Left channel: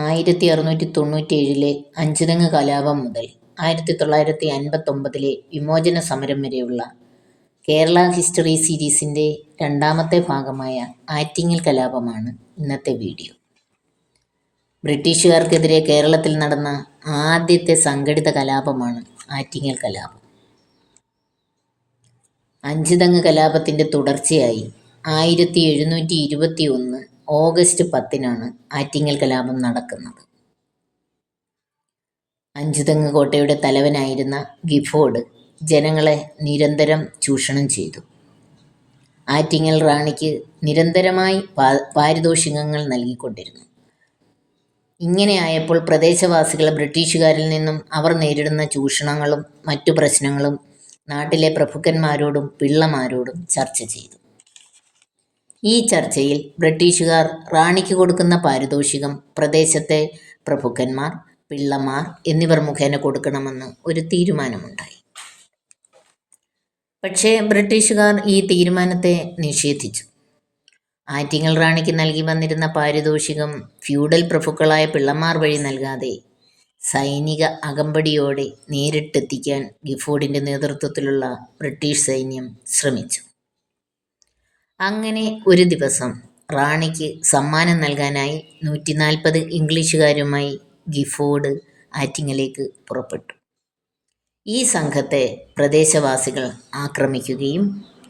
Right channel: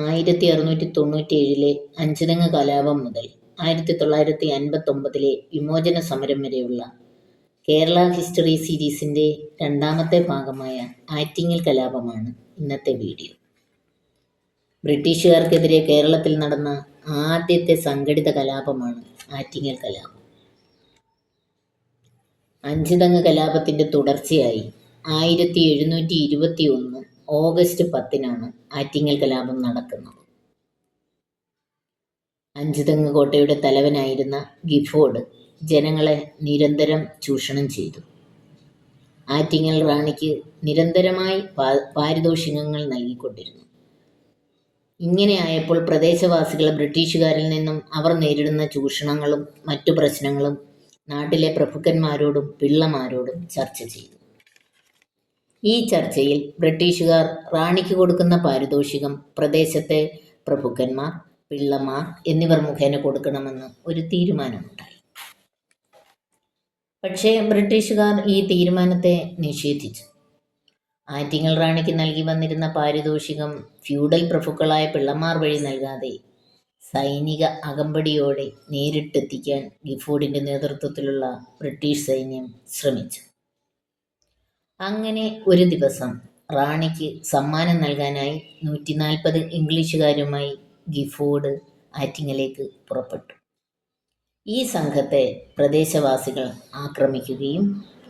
1697 അഞ്ചുതെങ്ങ് കലാപം മുതൽ 1959 വിമോചന സമരം വരെയുള്ള കേരള ഹിസ്റ്ററി സീരീസിൻ്റെ രണ്ടാമത്തെ ഭാഗമായ ആറ്റിങ്ങൽ കലാപമാണ് ഇന്നത്തെ വീഡിയോ. ബ്രിട്ടീഷുകാർക്കെതിരെ കേരളത്തിൽ നടന്ന ആദ്യത്തെ സംഘടിത കലാപമാണ് ആറ്റിങ്ങൽ കലാപം. അഞ്ചുതെങ്ങ് കലാപത്തിൻ്റെ തുടർച്ചയായി 1721 ഓഗസ്റ്റ് 10 ആറ്റിങ്ങൽ കലാപം നടക്കുന്നത്. അഞ്ചുതെങ്ങ് കോട്ടയുടെ തലവനായിരുന്ന ഗിഫോർഡ് ജനങ്ങളെ നിരന്തരം ചൂഷണം ചെയ്തു. ആറ്റിങ്ങൽ റാണിക്ക് നിരന്തരമായി പാരിതോഷികങ്ങൾ നൽകിക്കൊണ്ടിരുന്നു. ഇങ്ങനെയായപ്പോൾ പ്രദേശവാസികൾ ബ്രിട്ടീഷുകാരിൽ നിന്നും അവർ നേരിടുന്ന ചൂഷണങ്ങളും മറ്റു പ്രശ്നങ്ങളും നാട്ടിലെ പ്രഭുക്കന്മാരോടും പിള്ളമാരോടും ചർച്ച ചെയ്തു. ഈ ചർച്ചയിൽ ബ്രിട്ടീഷുകാർ റാണിക്ക് കൊടുക്കുന്ന പാരിതോഷികം പ്രദേശത്തെ പ്രഭുക്കന്മാർ, പിള്ളമാർ എന്നിവർ മുഖേന കൊടുക്കണമെന്ന് ഒരു തീരുമാനമുണ്ടായി. പക്ഷേ ബ്രിട്ടീഷുകാർ ഈ തീരുമാനത്തെ നിഷേധിച്ചു. ആറ്റിങ്ങൽ റാണിക്ക് നൽകി വന്നിരുന്ന പാരിതോഷികം ഫ്യൂഡൽ പ്രഭുക്കളായ പിള്ളമാർ വഴി നൽകാതെ സൈനിക അകമ്പടിയോടെ നേരിട്ടെത്തിക്കാൻ ഗിഫോർഡിൻ്റെ നേതൃത്വത്തിലുള്ള ബ്രിട്ടീഷ് സൈന്യം ശ്രമിച്ചു. അങ്ങനെ ഒരു ദിവസം റാണിക്ക് സമ്മാനം നൽകാനായി 140 ഇംഗ്ലീഷുകാരുമായി ഗിഫോർഡ് ആറ്റിങ്ങലേക്ക് പുറപ്പെട്ടു. ഈ സംഘത്തെ പ്രദേശവാസികൾ ആക്രമിക്കുകയും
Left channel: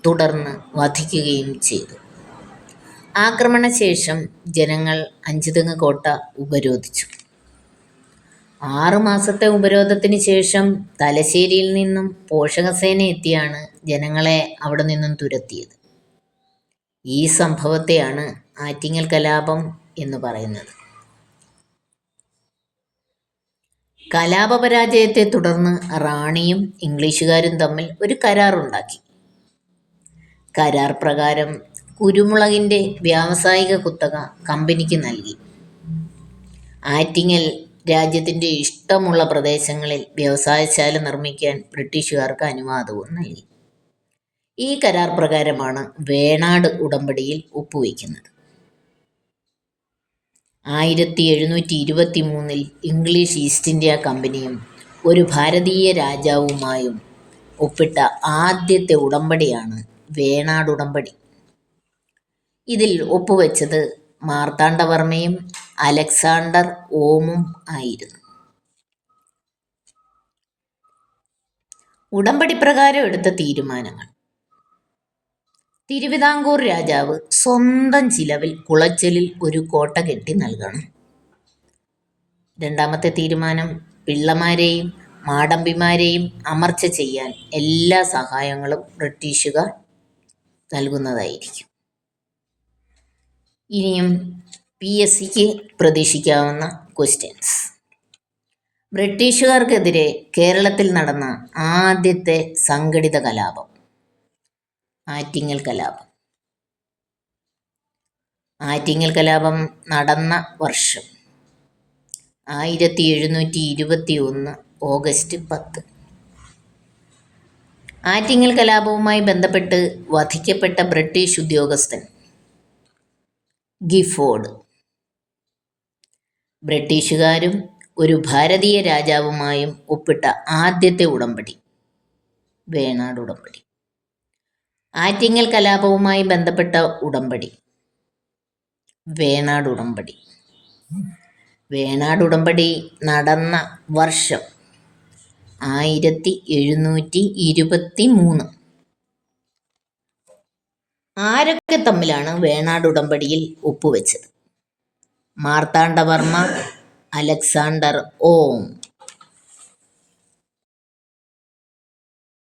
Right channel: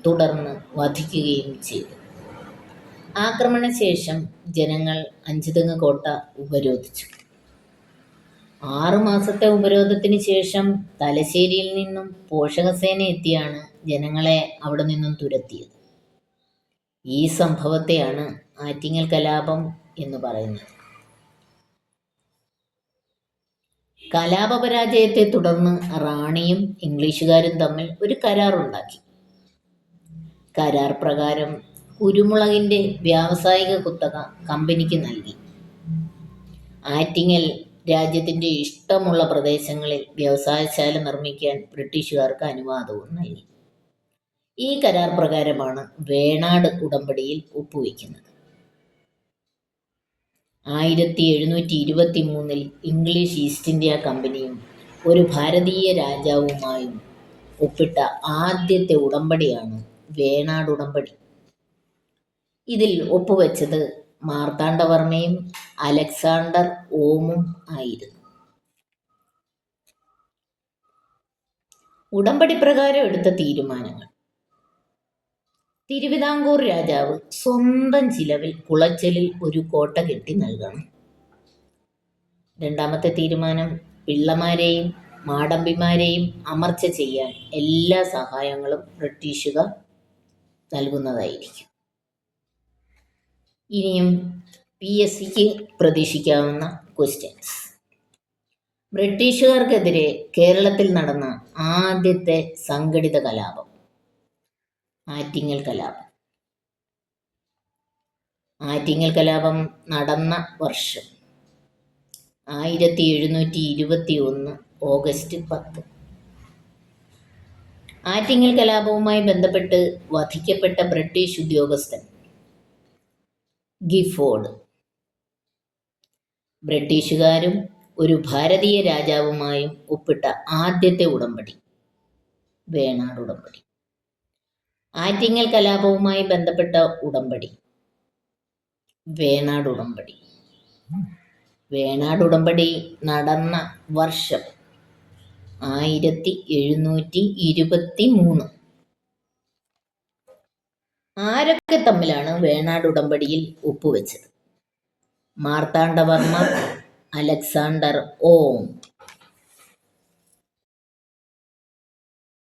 തുടർന്ന് വധിക്കുകയും ചെയ്തു. ആക്രമണശേഷം ജനങ്ങൾ അഞ്ചുതെങ്ങ് കോട്ട ഉപരോധിച്ചു. 6 മാസത്തെ ഉപരോധത്തിന് ശേഷം തലശ്ശേരിയിൽ നിന്നും പോഷകസേന എത്തിയാണ് ജനങ്ങളെ അവിടെ നിന്നും തുരത്തിയത്. ഈ സംഭവത്തെയാണ് ആറ്റിങ്ങൽ കലാപം എന്ന് പറയുന്നത്. കലാപപരാജയത്തെ തുടർന്ന് റാണിയും ഇംഗ്ലീഷുകാരും തമ്മിൽ ഒരു കരാറുണ്ടാക്കി. കരാർ പ്രകാരം കുരുമുളകിൻ്റെ വ്യാവസായിക കുത്തക കമ്പനിക്ക് നൽകി. ആറ്റിങ്ങൽ രാജ്യത്തിൻ്റെ ഇഷ്ടമുള്ള പ്രദേശങ്ങളിൽ വ്യവസായശാല നിർമ്മിക്കാൻ ബ്രിട്ടീഷുകാർക്ക് അനുവാദവും നൽകി. ഈ കരാർ പ്രകാരമാണ് വേണാട് ഉടമ്പടിയിൽ ഒപ്പുവെക്കുന്നത്. 1723 ഇംഗ്ലീഷ് ഈസ്റ്റ് ഇന്ത്യ കമ്പനിയും ഒരു ഭാരതീയ രാജാവുമായും ഒപ്പിട്ട ആദ്യത്തെ ഉടമ്പടിയാണ് വേണാട് ഉടമ്പടി. ഇതിൽ ഒപ്പുവെച്ചത് മാർത്താണ്ഡവർമ്മയും അലക്സാണ്ടർ ഓമും ആയിരുന്നു. ഉടമ്പടി പ്രകാരം എടുത്ത തീരുമാനങ്ങൾ: തിരുവിതാംകൂർ രാജാവ് സ്വന്തം ചിലവിൽ കുളച്ചലിൽ ഒരു കോട്ട കെട്ടി നൽകണം. രണ്ടാമത്തെ തീരുമാനം, പിള്ളമാരെയും മാടമ്പിമാരെയും അമർച്ച ചെയ്യാൻ എല്ലാ സഹായങ്ങളും ബ്രിട്ടീഷുകാർ നൽകുന്നതായിരിക്കും. ഇനിയും PSCക്ക് പ്രതീക്ഷിക്കാവുന്ന ക്വസ്റ്റ്യൻസ്: ബ്രിട്ടീഷുകാർക്കെതിരെ കേരളത്തിൽ നടന്ന ആദ്യത്തെ സംഘടിത കലാപം ആറ്റിങ്ങൽ കലാപം. ആറ്റിങ്ങൽ കലാപം നടന്ന വർഷം 1721 ഓഗസ്റ്റ് 10. ആറ്റിങ്ങൽ കലാപവുമായി ബന്ധപ്പെട്ട് വധിക്കപ്പെട്ട ബ്രിട്ടീഷ് ഉദ്യോഗസ്ഥൻ ഗിഫോർഡ്. ബ്രിട്ടീഷുകാരും ഒരു ഭാരതീയ രാജാവുമായും ഒപ്പിട്ട ആദ്യത്തെ ഉടമ്പടി വേണാട് ഉടമ്പടി. ആറ്റിങ്ങൽ കലാപവുമായി ബന്ധപ്പെട്ട ഉടമ്പടി വേണാട് ഉടമ്പടി. വേണാട് ഉടമ്പടി നടന്ന വർഷം 1723. ആരൊക്കെ തമ്മിലാണ് വേണാട് ഉടമ്പടിയിൽ ഒപ്പുവെച്ചത്? മാർത്താണ്ഡവർമ്മ, അലക്സാണ്ടർ ഓം.